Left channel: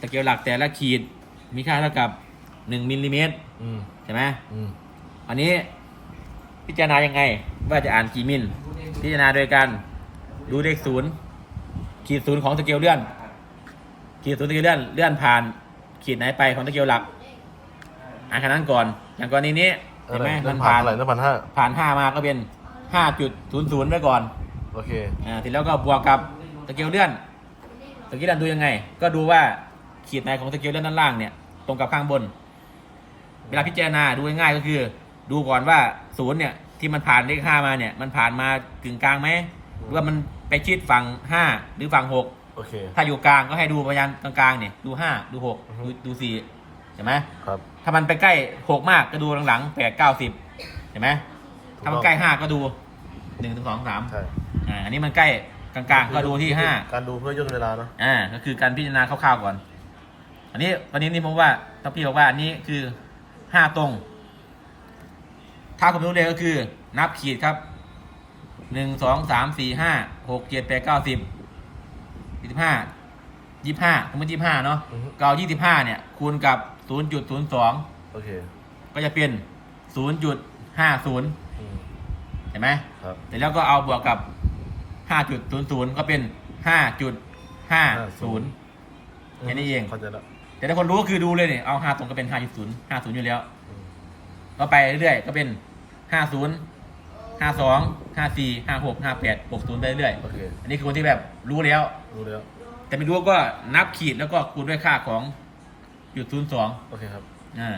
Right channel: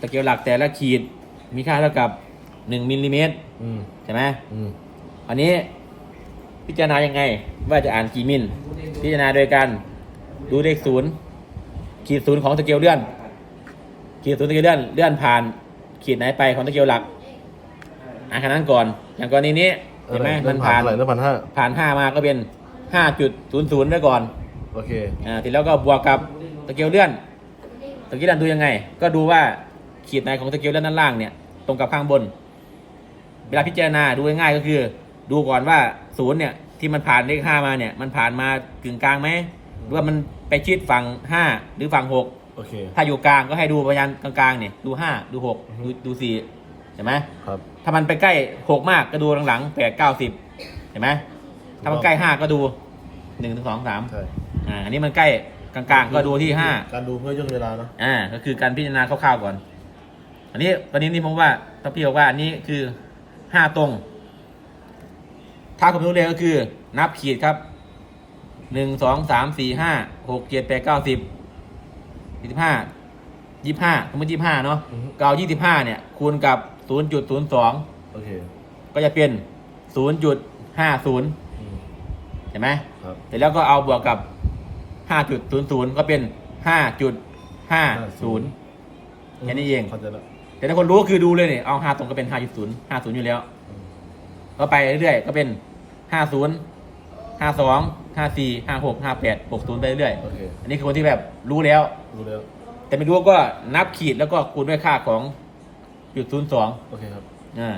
ตะเกียบหลักแต่ละขีดมีค่าเท่ากับหนึ่งมิลลิเมตรอืมใช่ไหมอืมอันนี้พิจารณายังไง ว่าจะอ่านกี่มิล พิจารณาโดยการดูเลขศูนย์ขีดศูนย์ของตะเกียบเลื่อน ขีดศูนย์ตะเกียบเลื่อนเลื่อนผ่าน ขีดไหนไปของตะเกียบหลัก อ่านขนาดนั้นก่อน อย่างกรณีนี้เห็นไหมมันผ่านเท่าไหร่แล้วพันห้าผ่านห้ามาก็เป็นห้าจุดศูนย์ศูนย์ไว้ก่อนโอเคอ่าทีแล้วก็บวกกับตะเกียบเลื่อนตะเกียบเลื่อนดูยังไง ก็ดูว่า ขีดไหนของตะเกียบเลื่อนด้านล่างเนี่ยตรงกับข้างบน เวลาพิจารณาดูง่ายๆก็คือ ดูก่อนว่าศูนย์เนี่ยที่มันผ่านเลขห้ามาเนี่ย มันผ่านมากึ่งกลางไหมหรือว่ามันไปชิดฝั่งห้าหรือฝั่งหกโอเค ถ้าอยู่กลางก็ให้ดูพยานกลางๆเนี่ยดูห้าดูหกดูดูสี่เห็นไหมครับ ถ้ามันไปใกล้หกมากก็ดูหลังๆแปดเก้าสิบเห็นไหมถ้ามันใกล้ห้าก็ดูหนึ่งถึงสองสามใช่อ่าอันนี้มันใกล้กลางๆ ก็ดูที่ห้าการดูเพื่อย่นเวลาเนอะอ่าก็คือการพิจารณาคร่าวๆก่อน อันนี้ตอนนี้นี่ผมว่าถ้าพี่บอกว่าอันนี้คือห้าตรง ถ้าผมรู้เลยก็คือ นับขีดครับหนึ่งสองสามสี่ห้าหกเจ็ดแปดเก้าสิบยี่สิบห้ายี่ห้าสมมติยี่ห้าเนาะอือฮึก็เอายี่สิบห้าเนี่ย คูณกับศูนย์จุดศูนย์สองโอเคก็จะเป็นศูนย์จุดห้าศูนย์อืมเห็นไหมครับเสร็จแล้วก็เอาบวกกับ5.00ก็เป็น5.50แค่นี้เอง เข้าใจแล้ว แต่ถ้าคนรู้ก็คือดูเลยเนี่ยเอา5ตรงก็เป็น5.0 50อยู่แล้วอืมก็ไปเรื่อยๆก็เป็น50 52 54 56 58 60ไปเรื่อยโอเคอันนี้คือคนที่แบบรู้แล้ว รู้แล้ว แต่ไม่รู้ก็นับขีดแล้วก็คูณด้วยค่าของจุดศูนย์สองโอเคครับอ่า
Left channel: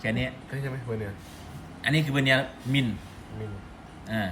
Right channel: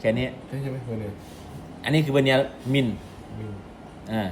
แค่นี้ใช่ใช่ไหมเวเนียอันนี้คือเวเนียร์มินมีอ่า